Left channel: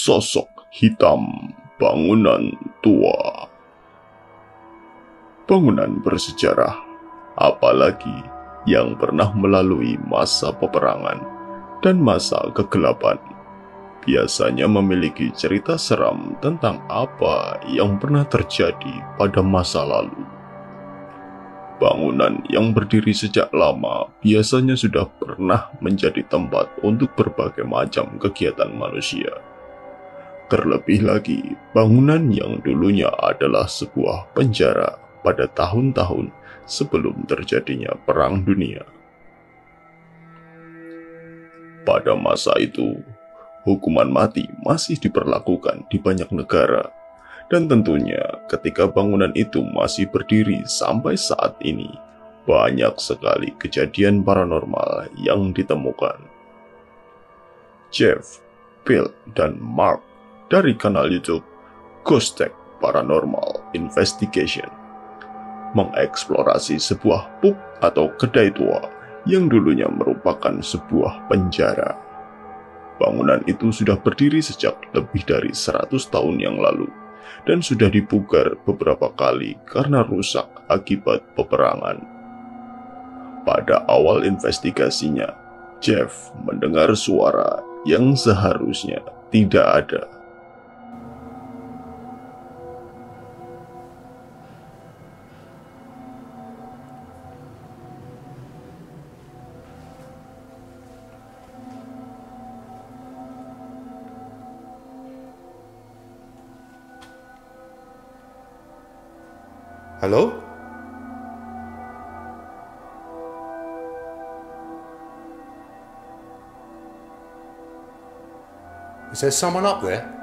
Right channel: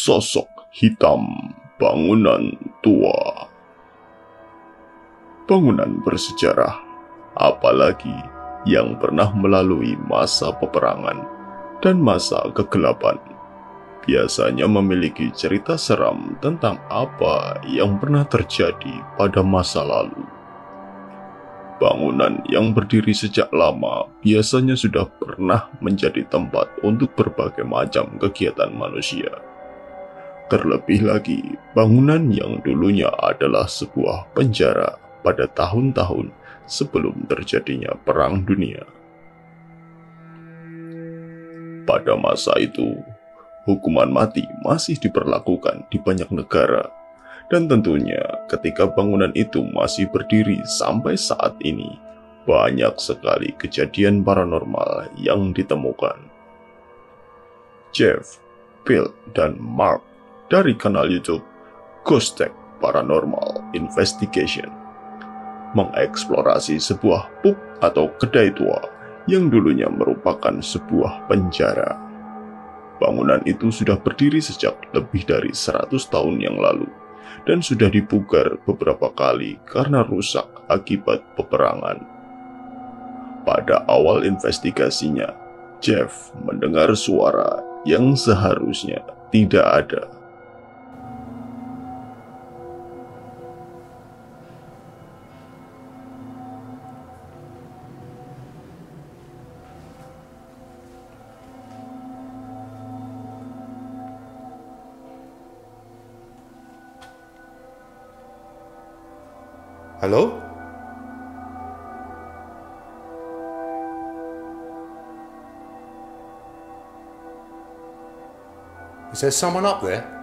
sosok hitam bangunan tua. Bangunan bersejarah, apalagi yang pernah melalui masa peperangan dan masa kegelapan, biasanya memiliki cerita seram tentang apa yang pernah terjadi pada masa lalu. Bangunan yang berdiri sejak lama biasanya sudah pernah menjadi tempat untuk berbagai macam kegiatan manusia. Terlebih lagi, bangunan yang dulunya adalah sebuah penjara pada tahun-tahun sebelum terjadinya Perang Dunia. Pada masa itu, hukuman mati masih diberlakukan di banyak negara, dan tentunya ketika bangunan itu masih berdiri sampai saat ini, banyak sekali kejadian paranormal yang ditemukan. Jeff, Bill, dan Mark dari kanal YouTube Ghost Tech Paranormal Investigation mengeksplorasi sebuah pub atau kedai tua yang dulunya merupakan sebuah penjara. Bangunan itu sudah berdiri sejak lebih dari 100 tahun yang lalu dan sudah dipugar beberapa kali karena rusak akibat peperangan. Pada awal investigasinya, Jeff mendengar suara yang seharusnya tidak ada. Hello? Is there someone up there?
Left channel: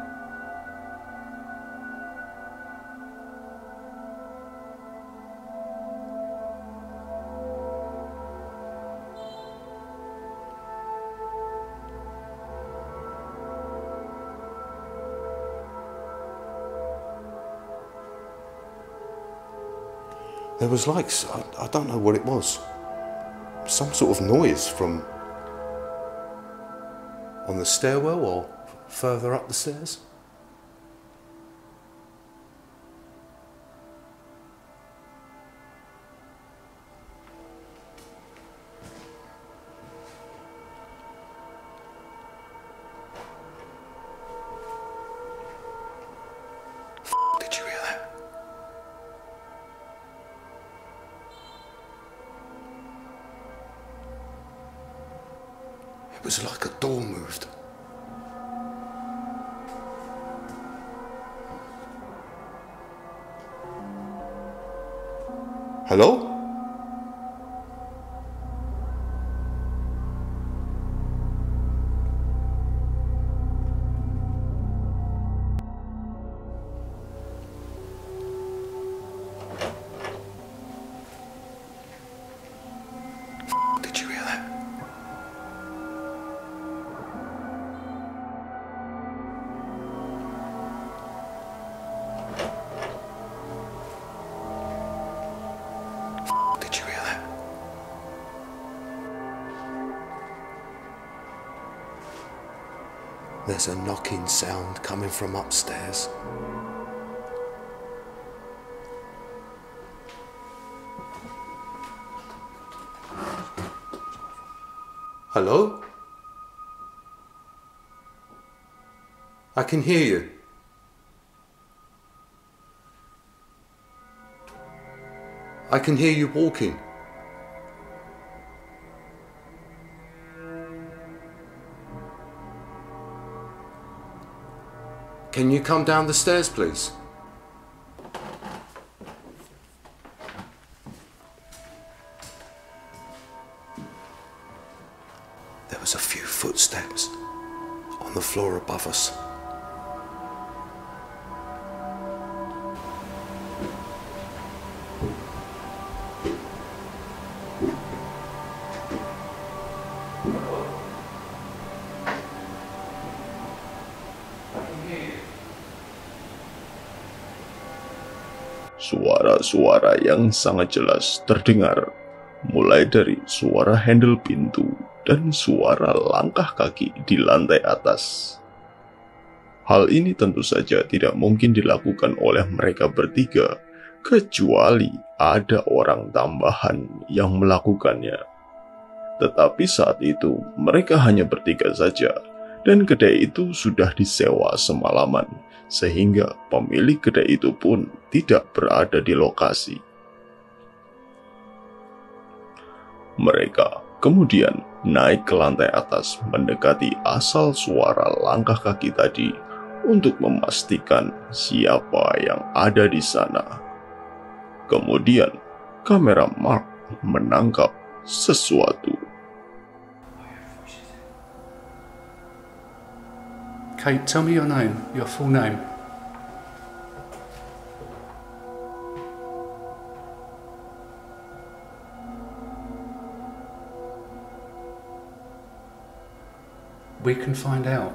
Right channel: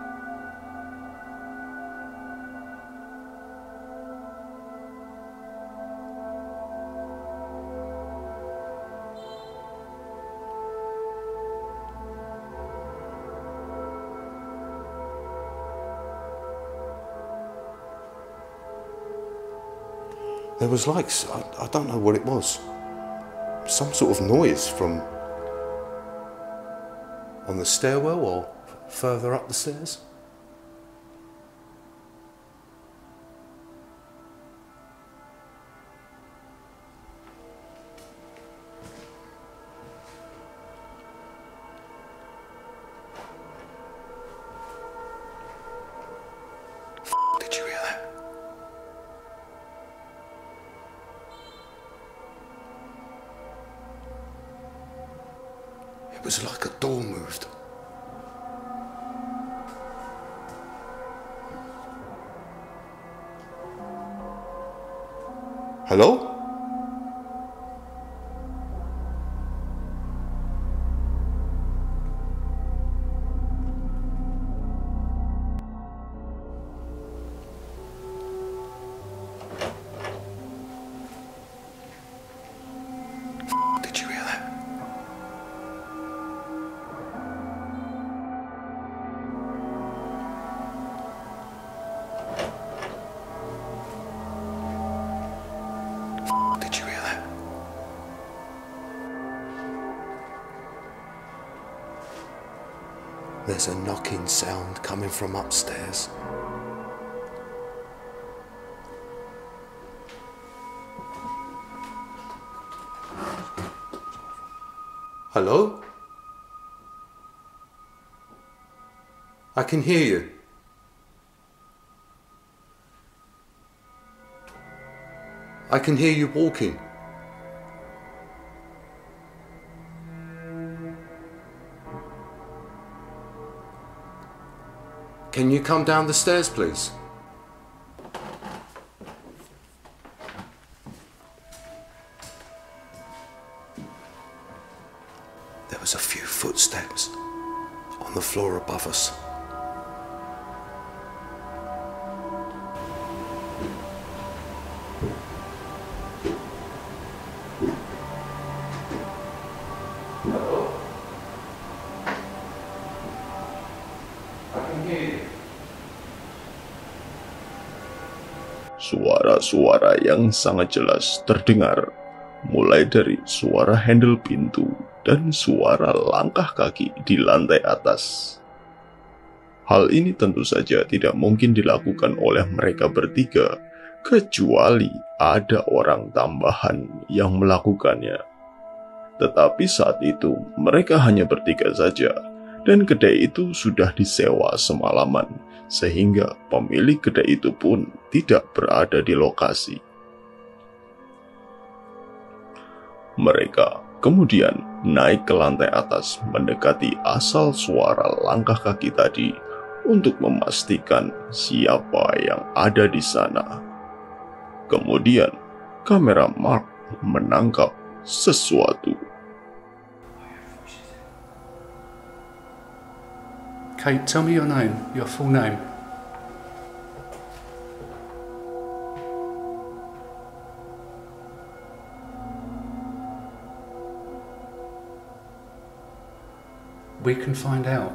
There was like, I don't know what it was. Some sort of noise from on the stairwell or further up the stairs. Did you hear that? It was like a door moved. Hello? Did you hear that? Did you hear that? There's a knocking sound coming from upstairs. Hello? I can hear you. I can hear you walking. Can you come down the stairs, please? There was a few footsteps on the floor above us. Suara-suara yang sangat jelas terdengar, mulai dari suara handle pintu dan suara langkah kaki di lantai atas. Hal ini tentu saja tidak mungkin dilakukan oleh mereka bertiga, kecuali ada orang tambahan yang melakukannya. Tetapi saat itu mereka hanya bertiga saja, dan kedai itu sudah disewa semalaman, sehingga pemilik kedai itu pun tidak berada di lokasi. Mereka kemudian naik ke lantai atas mendekati asal suara langkah kaki tadi untuk memastikan siapa yang ada di sana. Kemudian, kamera Mark menangkap sesuatu. Kate, tell me your name, your full name. We can find out.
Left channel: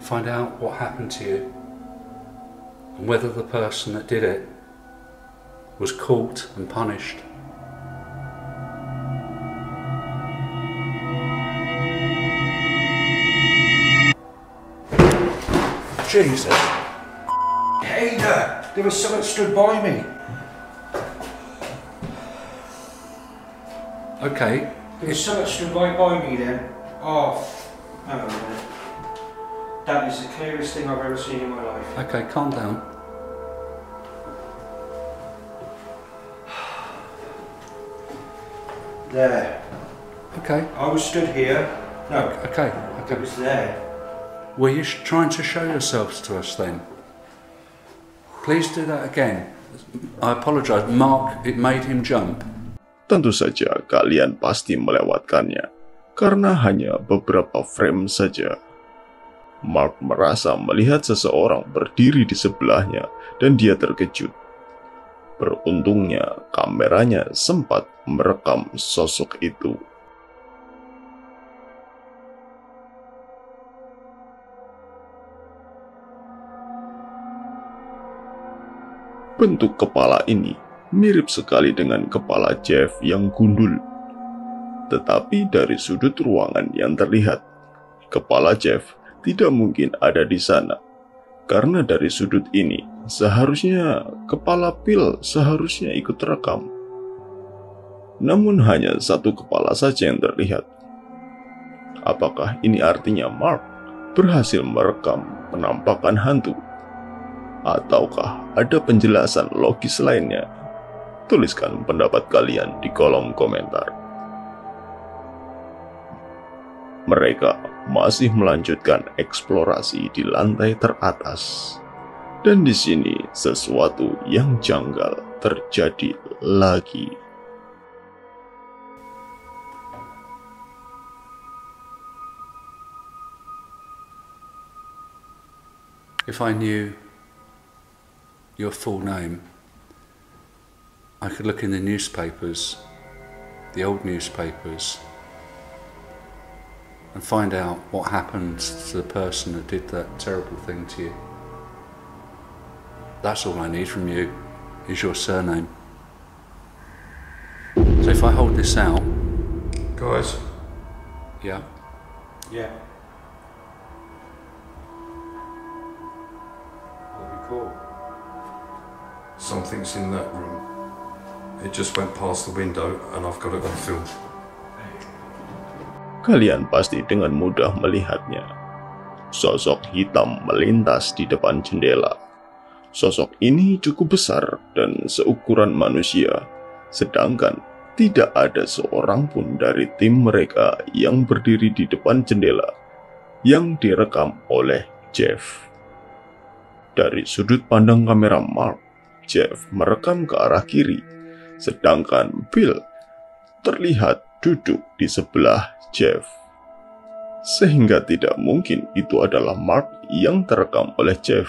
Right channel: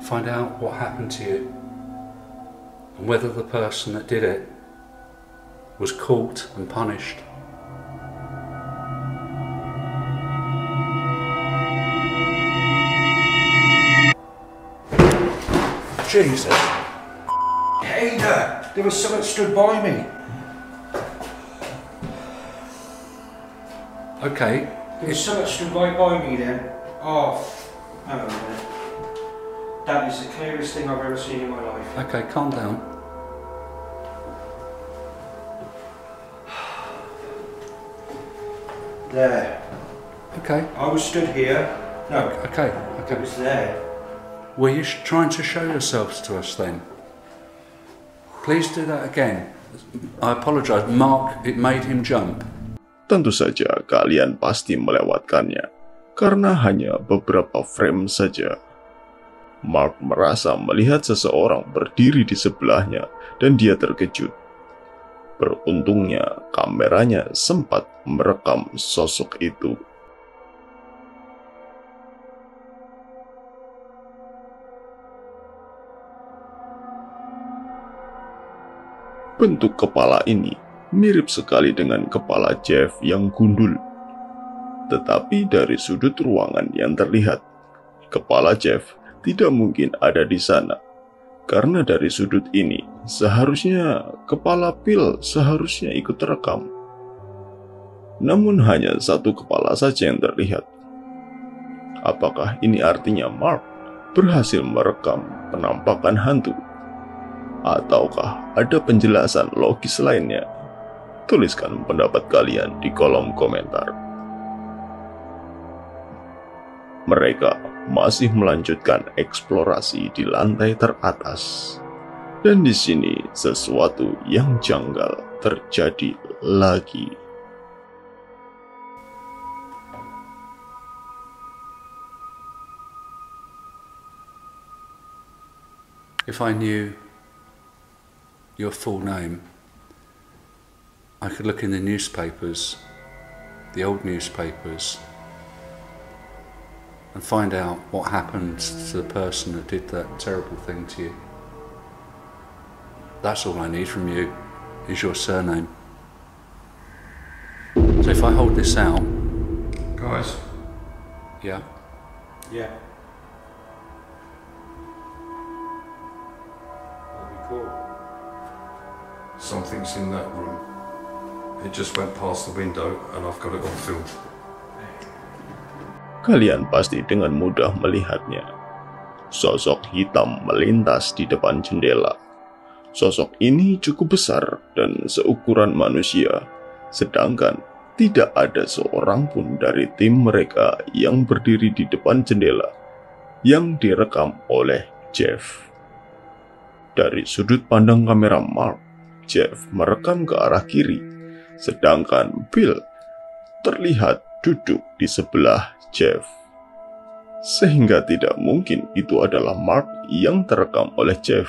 Find out what happened to you and whether the person that did it was caught and punished. Jesus. Hey there, there was someone stood by me. Okay. There was someone stood right by me then. Oh, hang on a minute. That is the clearest thing I've ever seen in my life. Okay, calm down. There. Okay. I was stood here. No, Okay. it Okay. was there. Were you trying to show yourselves to us then? Please do that again. I apologise. Mark, it made him jump. Tentu saja kalian pasti melewatkannya, karena hanya beberapa frame saja. Mark merasa melihat seseorang berdiri di sebelahnya dan dia terkejut. Beruntungnya kameranya sempat merekam sosok itu. Bentuk kepala ini mirip sekali dengan kepala Jeff yang gundul. Tetapi dari sudut ruangan yang terlihat, kepala Jeff tidak mungkin ada di sana. Karena dari sudut ini, seharusnya kepala Bill seharusnya ikut terekam. Namun hanya satu kepala saja yang terlihat. Apakah ini artinya Mark berhasil merekam penampakan hantu? Ataukah ada penjelasan logis lainnya? Tuliskan pendapat kalian di kolom komentar. Mereka masih melanjutkan eksplorasi di lantai teratas. Dan di sini sesuatu yang janggal terjadi lagi. If I knew your full name, I could look in the newspapers, the old newspapers, and find out what happened to the person that did that terrible thing to you. That's all I need from you, is your surname. So if I hold this out... Guys, Yeah? Yeah. what we call? Something's in that room. It just went past the window and I've got it on film. Kalian pasti dengan mudah melihatnya. Sosok hitam melintas di depan jendela. Sosok ini cukup besar dan seukuran manusia, sedangkan tidak ada seorang pun dari tim mereka yang berdiri di depan jendela yang direkam oleh Jeff. Dari sudut pandang kamera Mark, Jeff merekam ke arah kiri, sedangkan Bill terlihat duduk di sebelah Jeff. Sehingga tidak mungkin itu adalah Mark yang terekam oleh Jeff.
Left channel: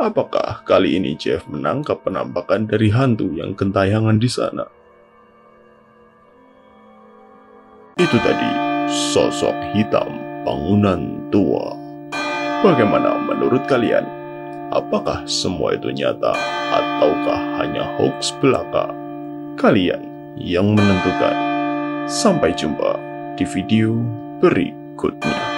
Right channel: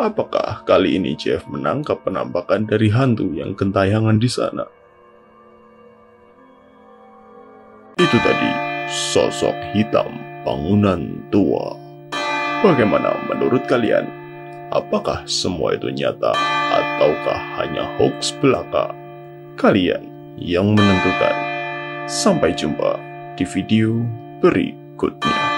Apakah kali ini Jeff menangkap penampakan dari hantu yang gentayangan di sana? Itu tadi sosok hitam bangunan tua. Bagaimana menurut kalian? Apakah semua itu nyata ataukah hanya hoax belaka? Kalian yang menentukan. Sampai jumpa di di video berikutnya.